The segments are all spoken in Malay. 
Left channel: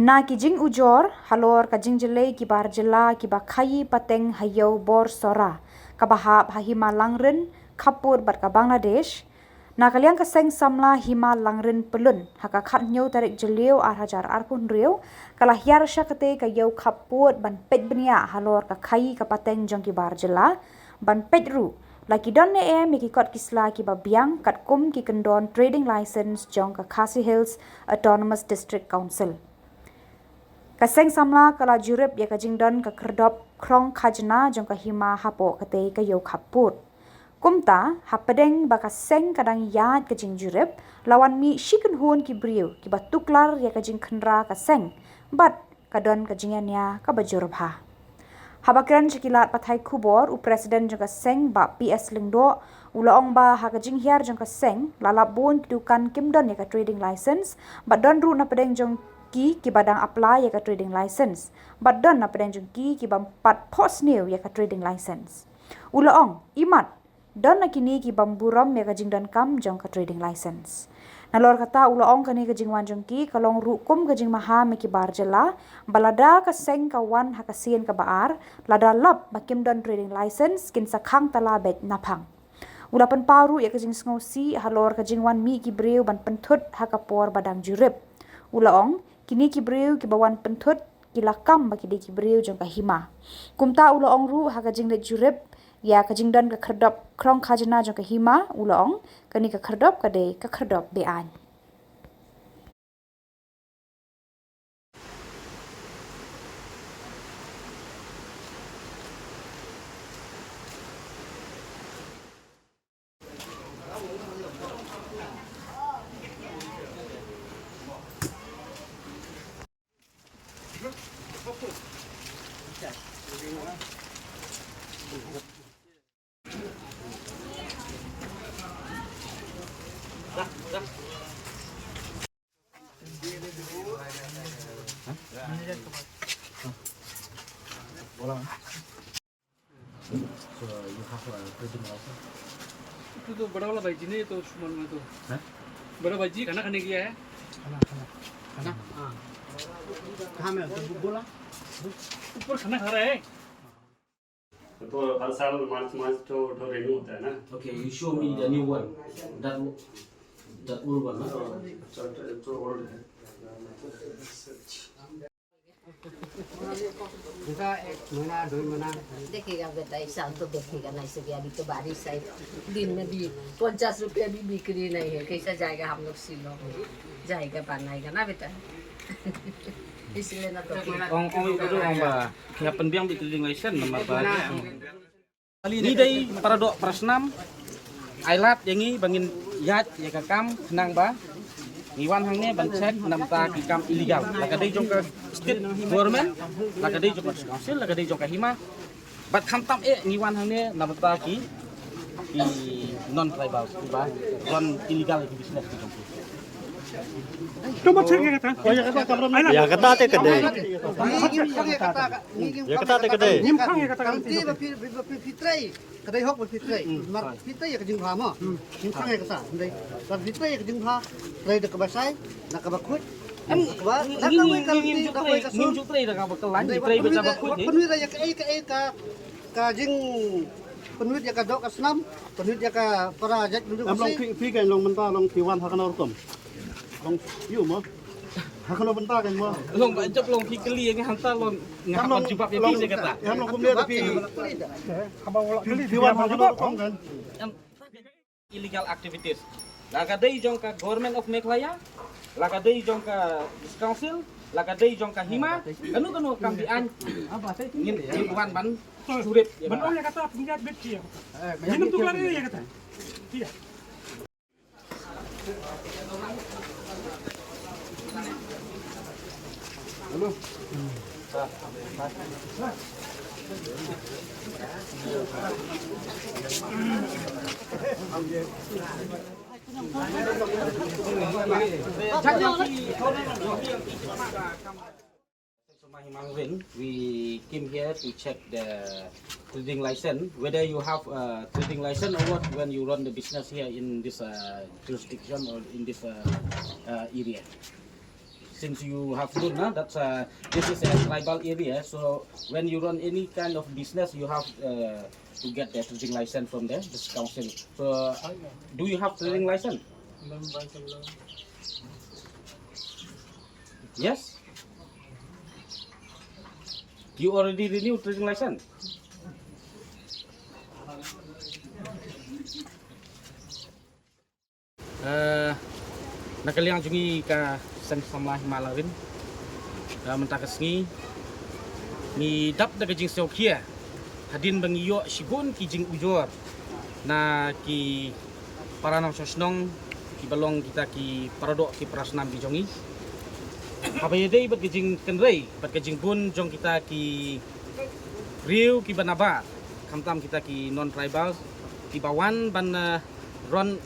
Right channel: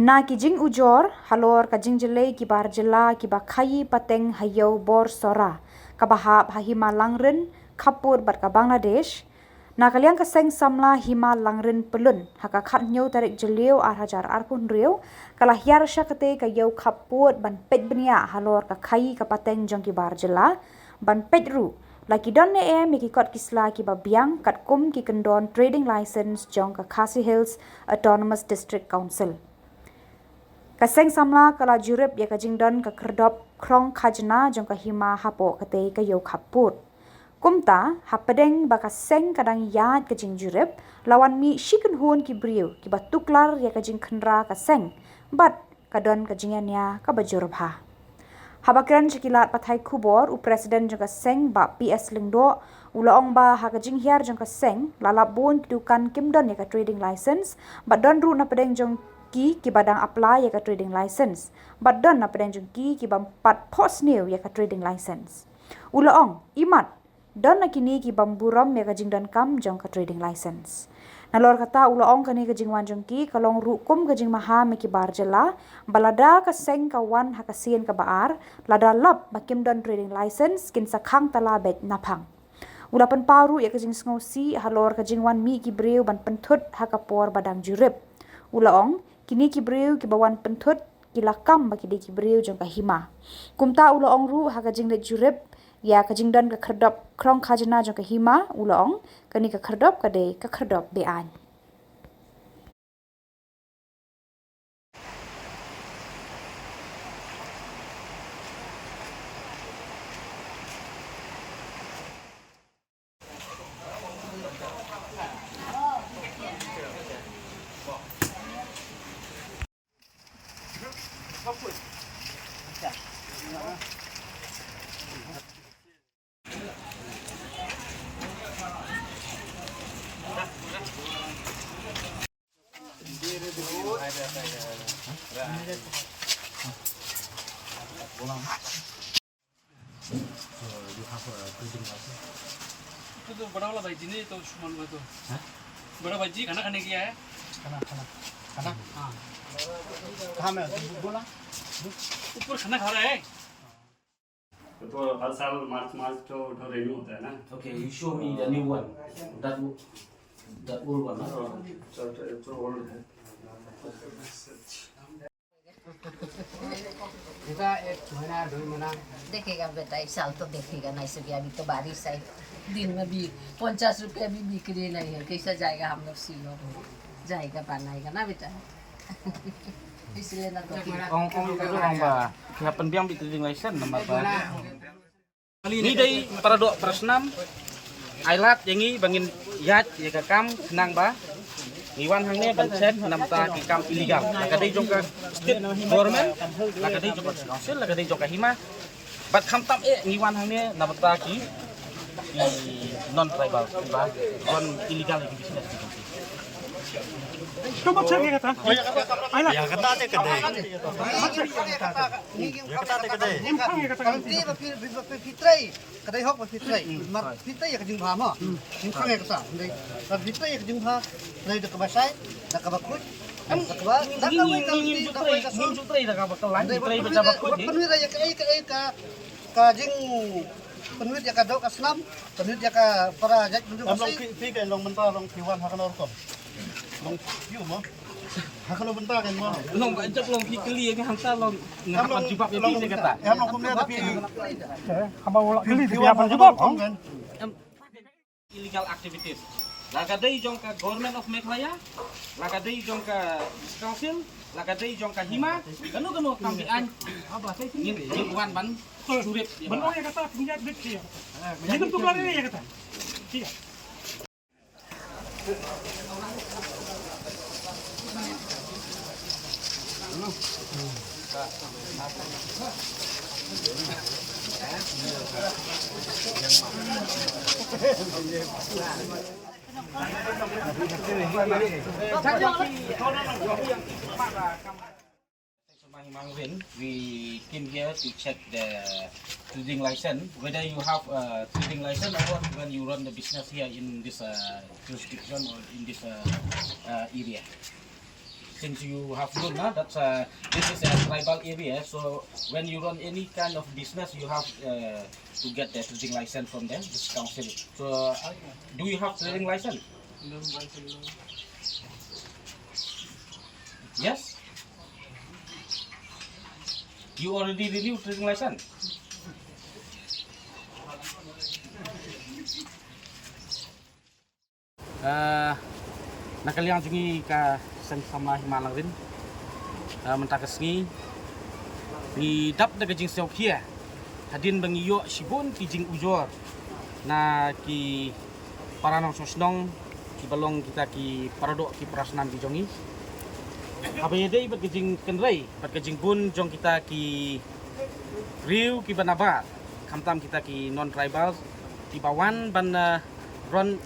Na kijing ujor halor kajing jelai Khuborjylla Nongkhaii pateng hayau Borsora kabahap Hima Langrin Khubor bat ka Bangladesh na kaliang ka Seng Samla Hima Langrin pelun haka khat nyau tarik jeleu hajar arpun riu kala hiar syakate ka yau Khubor ban pet benia halor ka Nongkhaii ka pateng jong Khuborjylla ban pet ru laki don ne miki kot kisla ki babiang kat kum ki kendon trading license jong ka Khasi Hills Autonomous District Council. Kaseng Samla kala Jurip ya ka Jingbun ka kerdop krong khajna jong ka Hima hapo kate ka yau Khubor. Kumta hapadeng baka Seng kadang yad ka jing Jurip lawan mi shiken hun ki briu ki batuklar ya ka jing khendra ka Seng bat kadon ka jinganya ka bajurabha. Habakran sekilat pathai Khubor u presiden jong ka Seng ba PS Lingdo ulaong ba ha ka jing hiar jong ka Seng lalap bun kidukan kimdon ya ka trading license bat don ru na padeng jong ki badang apply ya ka trading license but don na pedang jengki ki bampat post new ya ka trading license ulaong imat don na kini ki bamburam ya ka jingdan kam jong ka trading license nalor kata ulaong kani ka jingwan jengki kalong rukum ka jing maha me Khuborjylla balada ka Seng kawan ha ka sien ka baar lada lap bakim don trading license kin sakhang talabet napang ulapan paru ya ka jing sngosi halor ka jingwan mi ki breu ban pentut ha ka por badang Jurip ulaong kini ki breu ki bawan pentut ki lakam baki de ki breu jong ka Hima kumta ulaong ru ha ka jing de Jurip ya ka jing dan ka kerdop krong khajna jong ka Hima ulaong kani ka kerdop ka de ka kerdop bean You have a trading license? itu तो बड़ा वाला भाई जी ने तो सुमन में तो हैं बड़ा भाई जी खाना खाने गया है खाना हाँ कहाँ में बोला ऊपर खाना खा रहा है तो हर साल मार्च तो रेन्यू होता है ना Okay, you show me the new one. That old one. तो ओल्ड है देखा एक महीना 2 महीना देखेगा बेटा इस साल तो देखेगा नहीं सके अभी तो बारिश है दिन में भी 50 रुपया भी बिक्री नहीं है कैसा जाएगा हम लोग शिलोंग जाएगा बनाएगा ना बेटा इसलिए ना तो Ông itu orang ba, kaya penbiang bi trading license nama ba. Ini dari para dok persnam, ailat yangi bangin yat ya kakam nang ba. Iwan hang ni bancen namta kikam illegal. Lakadai jong ka state government, lakadai jong ka council, lakadai jong ka Hima. Bat khamtam ngiwan hang ni namta ki non tribal ba, non illegal ki business ki kampi. Kamu cek ya kata Ya kata te kede. Ya kata te kede. Nongkhaii ya kata kan Fitrai, kadai hok fitrai. Mar fitrai ya jing phama. Nongkhaii ya kata. Mar fitrai ya jing pha. Lai de kabasai, na kabakut. Nakaba, Ngim jutrai dah kau bekelan, jutrai baca bakut ni. Penuh ya ka jing penuh ya ka dok asnam, penuh ya ka para jak duduk Long mesti. pi kan long bentar long piwan hakan orkom. Long piu mo. Hakan bentar kan mo. Long baca long pikeli yang hantar long ngahapan jubab yang bisa kata. Ya long kumne tapi abang ulak kali piwan hakan orkom kan. Illegal activities. Lakadai jong ka government of Meghalaya, lakadai jong ka council, lakadai jong ka Hima, kanu kambian ngin wan ban Jurip. benar ya kata punya bet dia ini tuh kelar ini ya kata iya We came here to check the trading license, whether you have a trading license or what when you run the business here in this jurisdiction or in this area. since you have known that this is a tribal area, so when you run any kind of business, you have to get the trading license from this council. So, do you have trading license? Yes. You already renewed trading license. Nakaliang jungi ka Seng Samla Hima Langrin mentakas ni dap daga jing seok kia hadin bangi yo shibun ki jing ujor na ki paranam sosnong ki balong kita ki paradok ki prasnam ki jongi apa yedei bat jing kenrei bat jing bun jong kita ki riu ki banabar kamtam kita ki non tribal ki bawan ban ron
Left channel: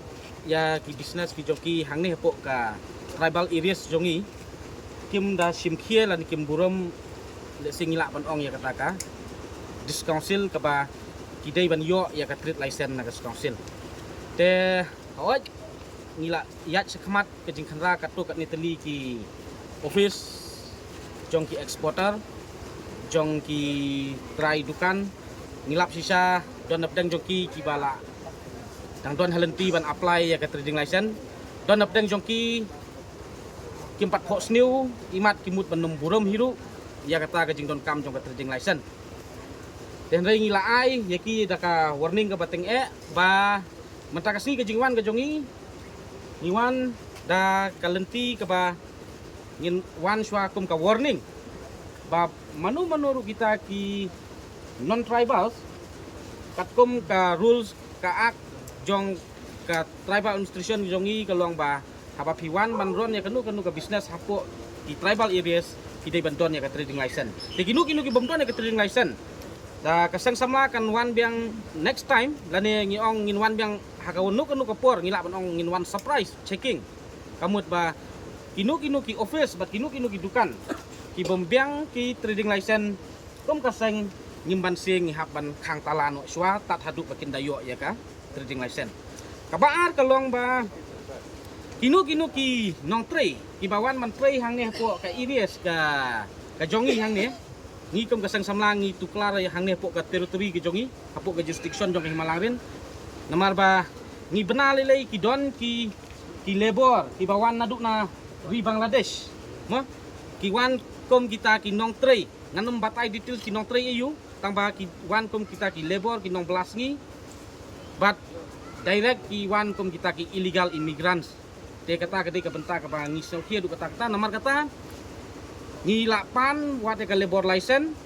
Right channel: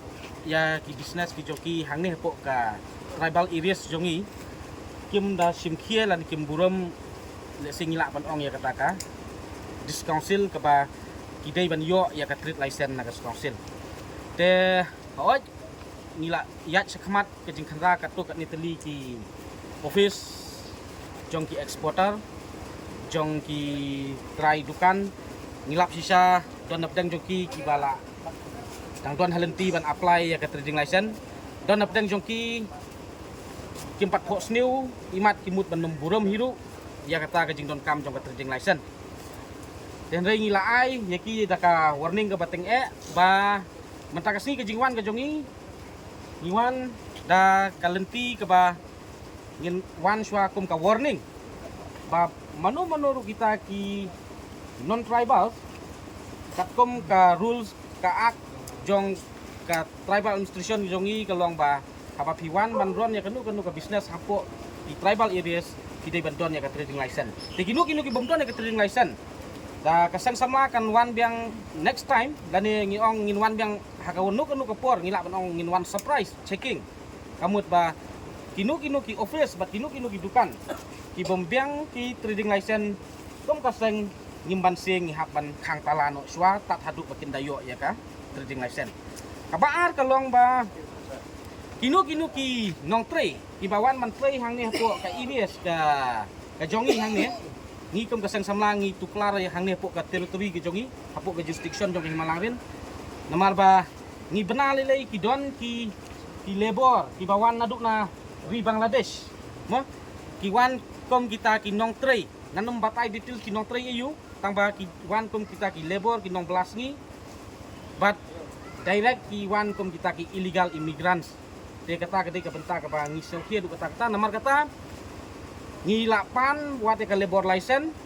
ya ki business ki joki hang ni hepok ka tribal areas jongi kim da sim khia lan kim burom le singila ban ong ya kataka dis council ka ba ki dei ban yo ya ka trade license na ka council te hoj ngila yat sakmat ke jing khanra ka to ka ni teli ki office jong ki exporter jong ki try dukan ngilap sisa don napdang jong ki bala dang don halenti ban apply ya ke trading license don napdeng jongki kimpat phok sniu imat kimut ban numburum hiru ya kata ke jing don kam jong ke trading license den rei ngila ai ya ki daka warning ke bateng ba mentakas ni ke jingwan ke jongi niwan da kalenti ke ba ngin wan shwa kum ka warning ba manu manuru kita ki non tribal katkum ka rules ka ak jong ka tribal administration jongi kalong ba haba piwan man ron ya kanu ka business hapo di tribal areas kidai bandon ya ka trading license te kinu ki bomdon ya ka trading license da ka Seng Samla kan wan biang next time lani ngiong ngin wan biang hakawonu kanu ka por ngila ban ong ngin wan surprise checking kamut ba kinu ki office bat kinu ki dukan ki bombiang ki trading license kom ka Seng ngimban sing haban khang talano swa tat hadu bakin dayo ya ka trading license kabaar kalong ba kinu ki nong trei ki bawan man trei hang ne po ka iris ka jongi hang ne ngi kom ka Seng Samla ngi tuklar hang ne po ka teritori ki jongi hapo ka jurisdiction jong Hima Langrin namar ba ngi benal lei ki don ki labor ki bawan naduk na ri Bangladesh mo ki wan kom kita ki nong trei nganum batai detail ki nong trei eu tamba ki wan kom kita ki labor ki nong belas ngi but direct ki wan kum kita ki illegal immigrants te kata ke bentak ke bang ngisau kia du kata namar kata ngilapan wat ke labor license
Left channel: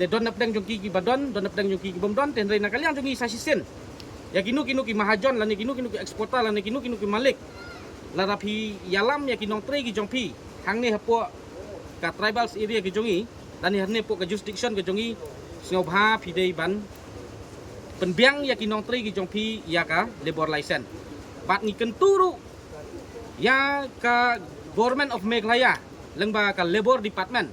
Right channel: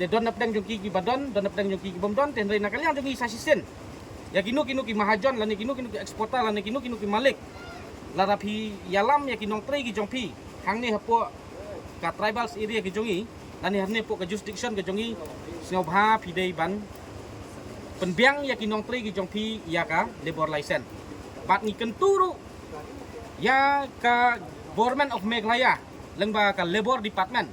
te don napdang jongki ki badon don napdang jongki ki bomdon ten reina kalian jongi sasisen ya kinu ki mahajon lan kinu ki eksporter lan kinu ki malik larapi yalam ya kinong trei ki jongpi hang ne hapo ka tribals area ki jongi lan ne po ka jurisdiction ke jongi singau bha pidei ban penbiang ya kinong trei ki jongpi ya ka labor license bat ni kenturu ya ka government of Meghalaya lengba ka labor department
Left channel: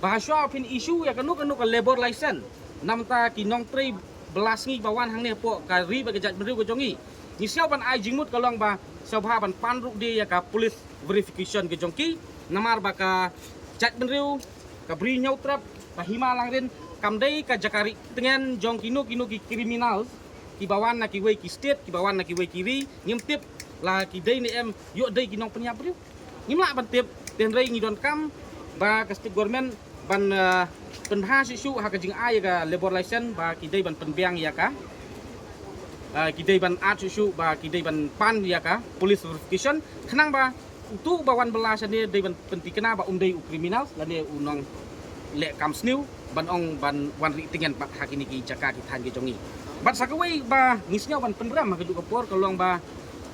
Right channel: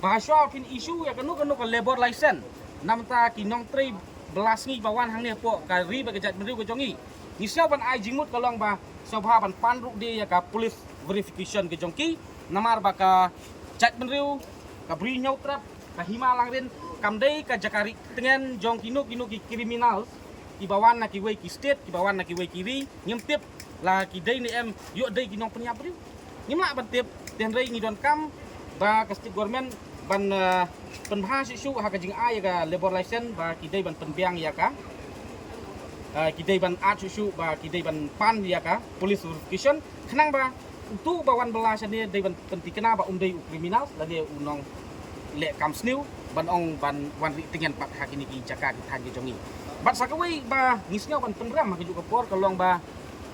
bahasa pin issue ya kanu ka labor license namta kinong trei belas ngi bawan hang ne po ka ri ba kejat beriu ke jongi ni siau ban ai jingmut kalong ba sabha ban panruk de ya ka police verification ke jongki namar ba ka chat beriu ka bri nyau trap ka Hima Langrin kamdei ka jakari tengen jong kinu ki kriminal ki bawan na ki wei ki state ki bawan na ki wei kiri nyemtip la ki dei ni em yo dei ki nong penyap riu ngimla ban tip ten rei ngi don kam ba ka state government ban penbahas isu ha ka jing ai ka labor license ba ki dei ban penbiang ya ka ki dei ban at isu ba ki dei ban pan ya ka police verification khnang ba tu bawan belas ni dei ban pentikena ba dei kriminal la de unong le kam sniu ban ong ban wan ri tengen pat hakini ki jaka ki than ki jongi bat sakawei ba ngisnya ban penbram ha ka por kalong ba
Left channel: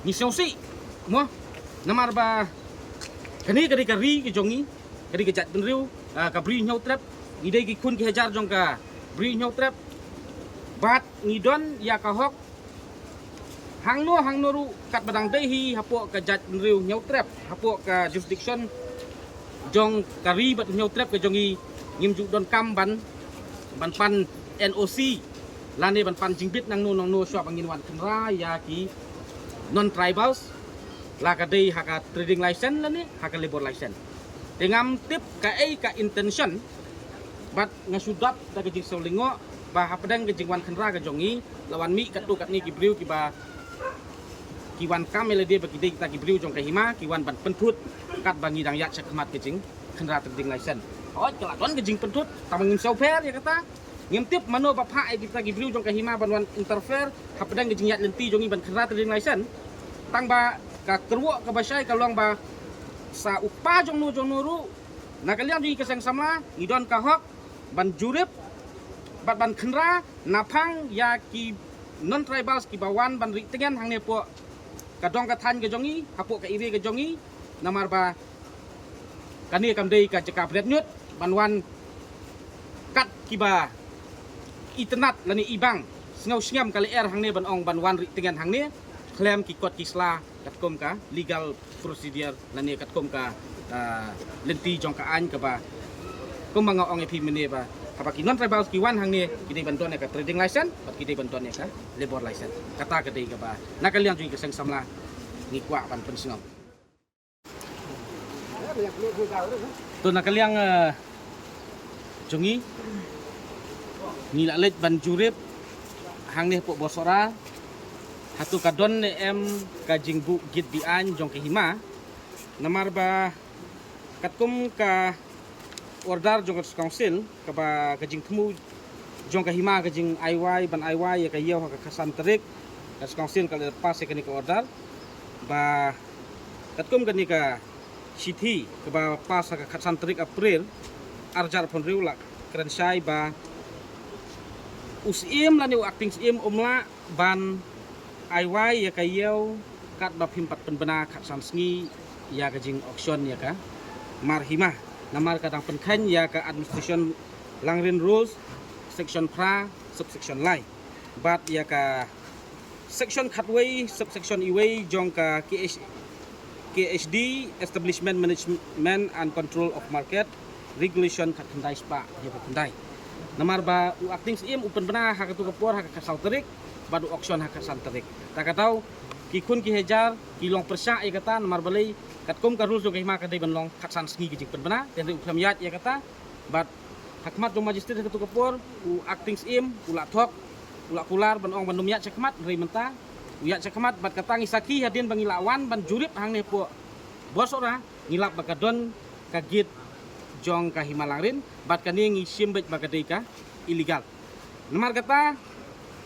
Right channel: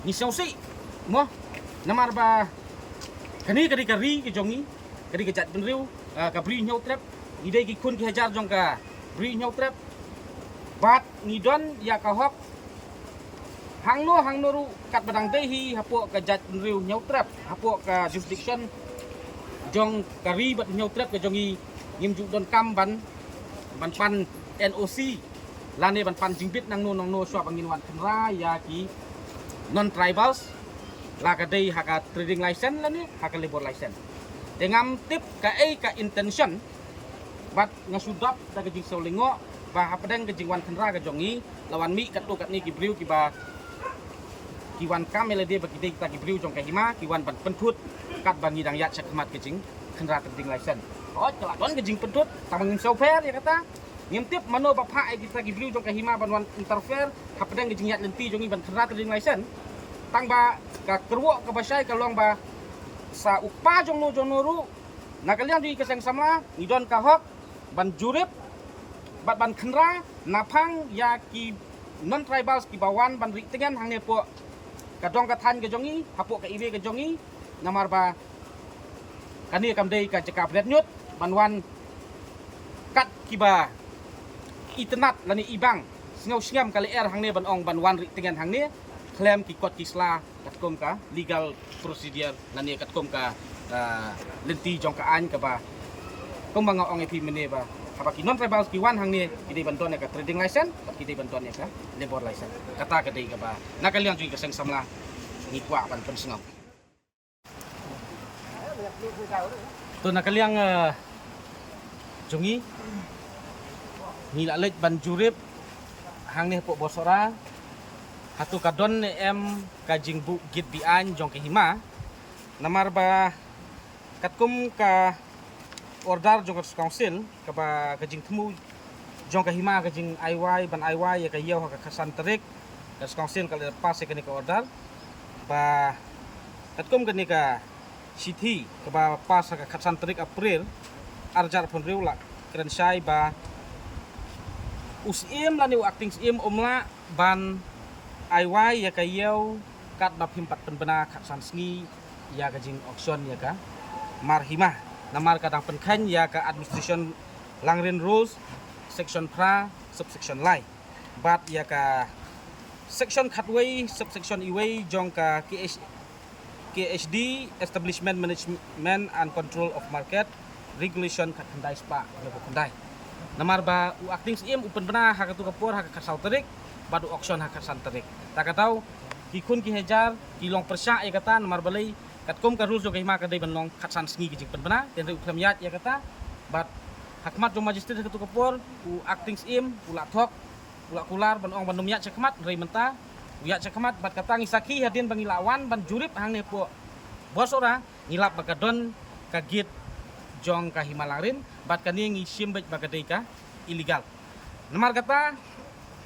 ngisau si mo namar ba kani kari ki jongi kari ke jat benriu ka bri nyau trap ngidei ki kun ki hajar jong ka bri nyau trap bat ngidon ya ka hok hang no ru kat badang dei hi hapo ka jat benriu nyau trap hapo ka jurisdiction jong kari bat nyau trap ke jongi ngim ju don kam ban pan NOC lane ban pan jingbit nang no swap angin wan khenra ya ki non tribals la ka dei ha ka trading license lane ha ka labor license dengan tip ka intention bat ngasudap da gejing solingo ba hapadang gejing wan khandra ga jongi lawan mi katu kat ni kibriu ki ba kiwan kamele dia bagi kita kibriu jong ka Hima kiwan ban pentut kat bangi dang yat sakhamat gejing khandra terding license oh kelakon gejing pentut tamangim sofer ya kata ngimtip mano bapha kita kibriu jong ka Hima ban wan interfere hapadang gejing yat lenti jongi ban khandra terding license tang ba ka kerwo ka basai ka long ba sa upa jong nuru nakalian di keseng Samla ngidon ka hok ban Jurip bat ban khandra napang ya ki non tribals ki bawan ban ri tengen hang ne po kadong ka than ka jongi hapo ka iwe ka jongi namar ba kani kam dei ka jeka bret nyut ban wan kat ki ba itenat lani ibang sngau sngam kali hang ne ban ong ban wan ri tengen hang ne claim ki kot kisla katkom ka legal procedure lani katkom ka lenti jong ka an ka ba kung mga ong epi mene ba kapag non tribal kiwan hang ni kita bantuan ka trading license pat kita bantuan ka labor license kata ka dei ka ba nakaliang juga Seng Samla ngikwa pan pensngaw to nakaliang jongi nilalet ban Jurip hang ni po Borsora hatu kadon em ka jingbu git bian jong ke Hima namar ba katkum ka order jong council ka ba kajing temu jong ka Hima kajing IY ban IY ya ka yaw ka kasan terik ka council ka lepas ka ni ka order ba katkum ka ni ka city ka ba pas ka kasan terik April arjar pon riula krensai ba usim lani acting sim umla ban IY ya ka yaw kat ba pimpat penbena kasan sngi ya kajing auction ya ka mar Hima namar kadang penkan ya ka administration Langrin rules section pra subsection lai bat ya ka section khatway subsection iway jong ka KHD establishment management and control of market regulation kat khandai spa ya khandai namar ba u acting sim upen bena ha katu kapor ha kasal terik badu auction ha kasan terik tak tahu ki kun ki hejar ki long persa ya kata namar balai katkom ka rules jong Hima ka dei banlong katsan sngi ki jing penbena ten ri uklam yat ya kata bat hakmat jong magistrate katu kapor u acting im ula thok ula kular banong bandum yat sakmat rei menta u yat sakmat bat kata ngisaki hadin bangi lawan ban Jurip hang ne po Borsora ngilap bakadon ka git jong ka Hima Langrin bat kani ngisim bet bakadei ka illegal namar kata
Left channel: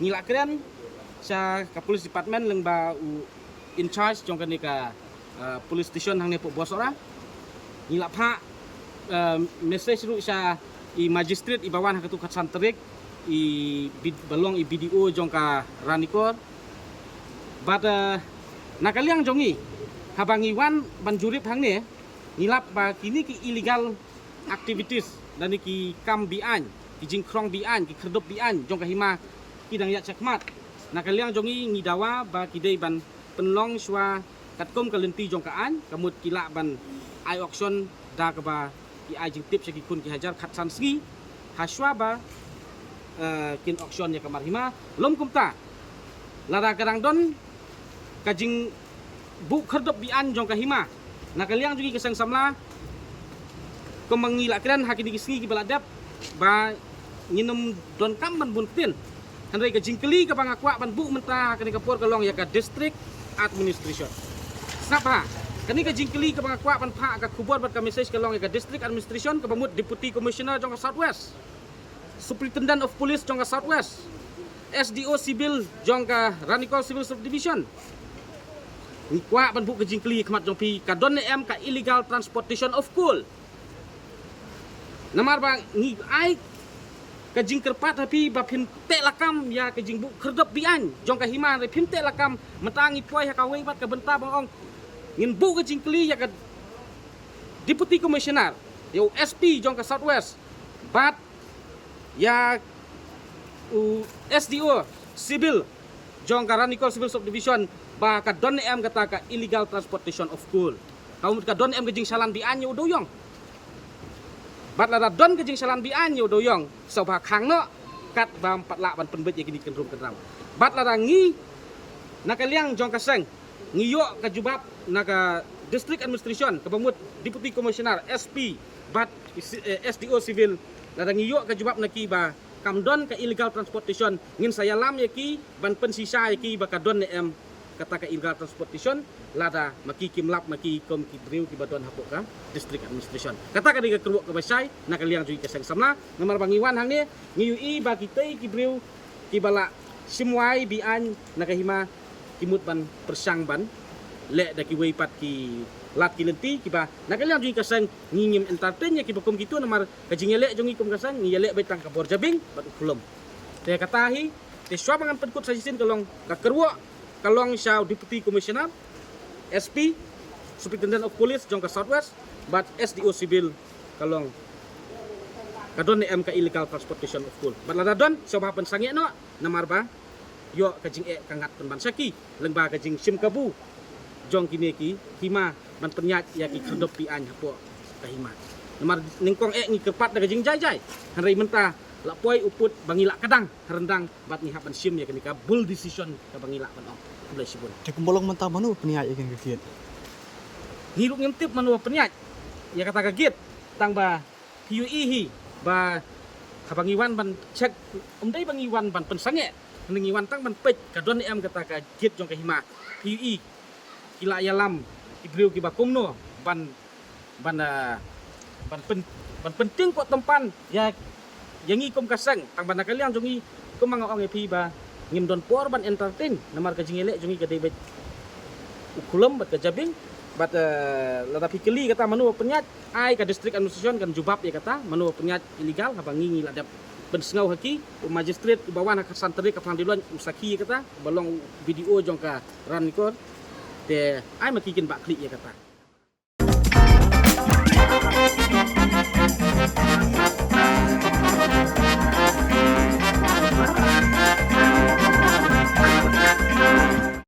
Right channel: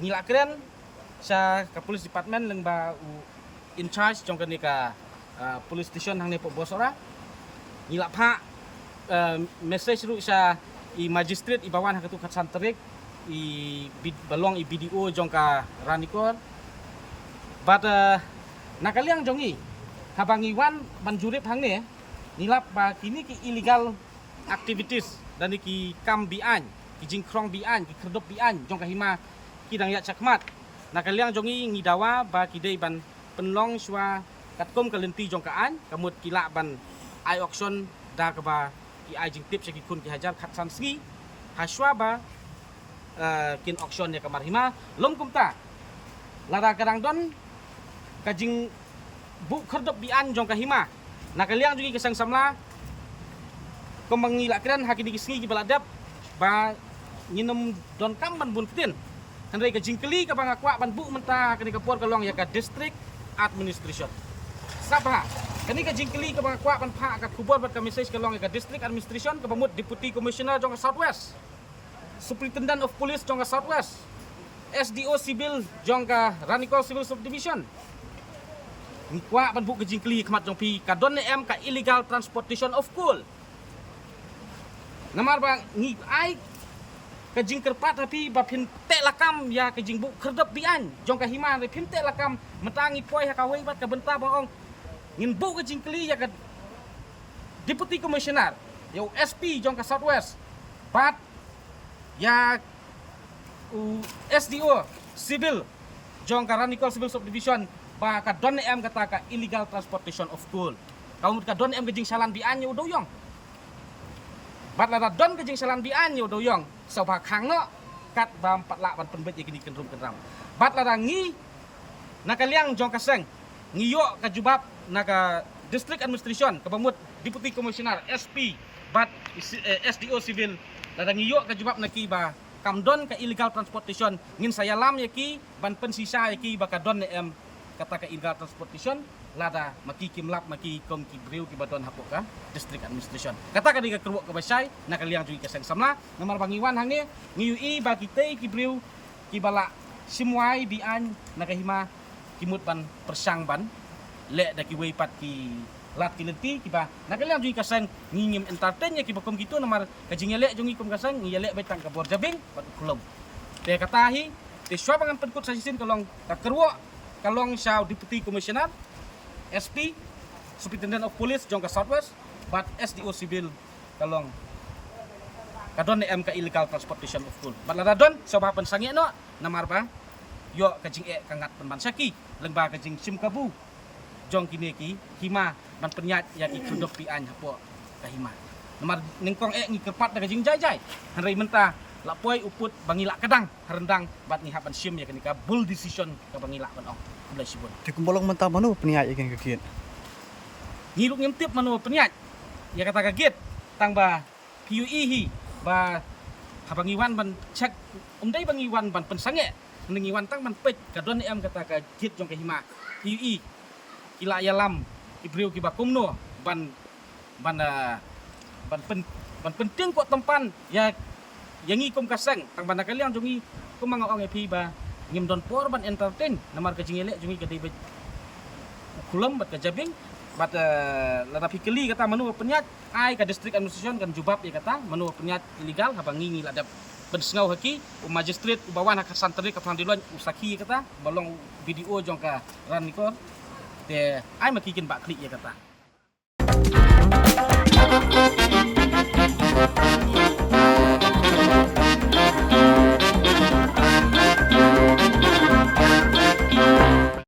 ngilak keren sa ka police department leng ba u in charge jong kani ka police station hang ne po Borsora ngilap ha message ru sa i magistrate i bawan hakatu katsan terik i balong i BDO jong ka ranikor bat nakaliang jongi habangiwan ban Jurip hang ne ngilap ba kini ki illegal activities dan ki kam bian ki jingkrong bian ki kerdop bian jong ka Hima kidang ya sakmat nakaliang jongi ngidawa ba kidei ban penlong swa katkom kalenti jong kaan kamut kila ban ai auction da ka ba ki ai jing tip sagi kun ki hajar khatsan sngi haswa ba kin auction ya kamar Hima lom kumta lara kadang don kajing bu kerdop bian jong ka Hima nakaliang jongi Seng Samla ko mangilakran hakini kisngi ki baladap ba nginum don kamban bun ketin handai ka jingkeli ka bangakwa ban bu menta kani kapor kalong ya ka district administration sapa kani ka jingkeli ka bangakwa ban pha ka Khubor bat ka message kalong ya ka district administration ka bamut deputy commissioner jong ka southwest superintendent of police jong ka southwest SDO civil jong ka Ranikol civil subdivision kwa ban bu ka jingkeli khamat jong pi ka don em ka illegal transportation of coal namar ba ngi ai kajing kerpat tapi ba phinte lakam ya kajing bu kerdap bian jong ka Hima re phinte lakam mentangi poi ha kawai bat ka benta bang ong ngin bu kajing kli ya ka deputy commissioner ya SP jong ka southwest bat ya SDO civil jong ka Ranikol civil subdivision ba ka don em kata ka illegal transportation of coal kaum ka don em kajing salan bian yu doyong bat la don kajing salan bian yu doyong so ba khang no kat ba pat la ban penbet ya kini kenrum kenram bat la ngi nakaliang jong ka Seng ngiyo ka jubab naka District Administration kabamut Deputy Commissioner SP bat SDO Civil ladang iyo ka jubab naki ba kamdon ka illegal transportation ngin saya lam yaki ban pensisa yaki ba kadon em kata ka illegal transportation lada maki kimlap maki kom ki briu ki badon hapok ka District Administration kata ka diga kerwok ka basay nakaliang jui ka Seng Samla ngamar bangiwan hang ni ngiyui ba kitay ki briu ki bala simwai bian nakahima kimut ban persang ban le da ki weipat ki lat ki lenti ki ba nakaliang jui ka Seng ngingim entertain ya ki bakom gitu namar kajingele jongi kom ka Seng ngiyele betang ka Khuborjylla bat ukulom te katahi te swabangan penkut sajisin kalong ka kerwok kalong siya Deputy Commissioner SP Superintendent of Police jong ka Southwest but SDO Civil kalong kadon ni MK illegal transportation of coal but ladadon sa bapan sangi no namar ba yo kajing kangat penban saki lengba kajing sim kabu jong kini ki Hima ban penyat ya ki kendop pian hapo ka Hima namar ningkong ngi kepat da kajing jai hanrei menta lapoi uput bangila kadang rendang bat ni hapan sim ya kenika bull decision ka bangila ban ong kulai sibun te kumbolong mentah manu peniat ikan kekit ngiluk ngintip manu peniat ya kata kaget tang ba PUE hi ba habangiwan ban cek umdai bangiwan ban pensange nengiwan tang ban pej kadon em kata kaget jong ka Hima PUE kila yalam ibriu ki bakumno ban penting kok tempan ya yang ikom kaseng tang ban nakaliang jongi ko mga ong epi ba ngim don por ban entertain namar ka jingele jongi ka debet ukulum bat ka jabing bat lada pikeli kata manu penyat ai ka district administration kan jubab ya kata manu penyat illegal habangi ngi lada pensengau haki magistrate ubawan hak santri ka pangdiluan usaki kata balong video jong ka ran nikor te ai makikin bak klik ya kata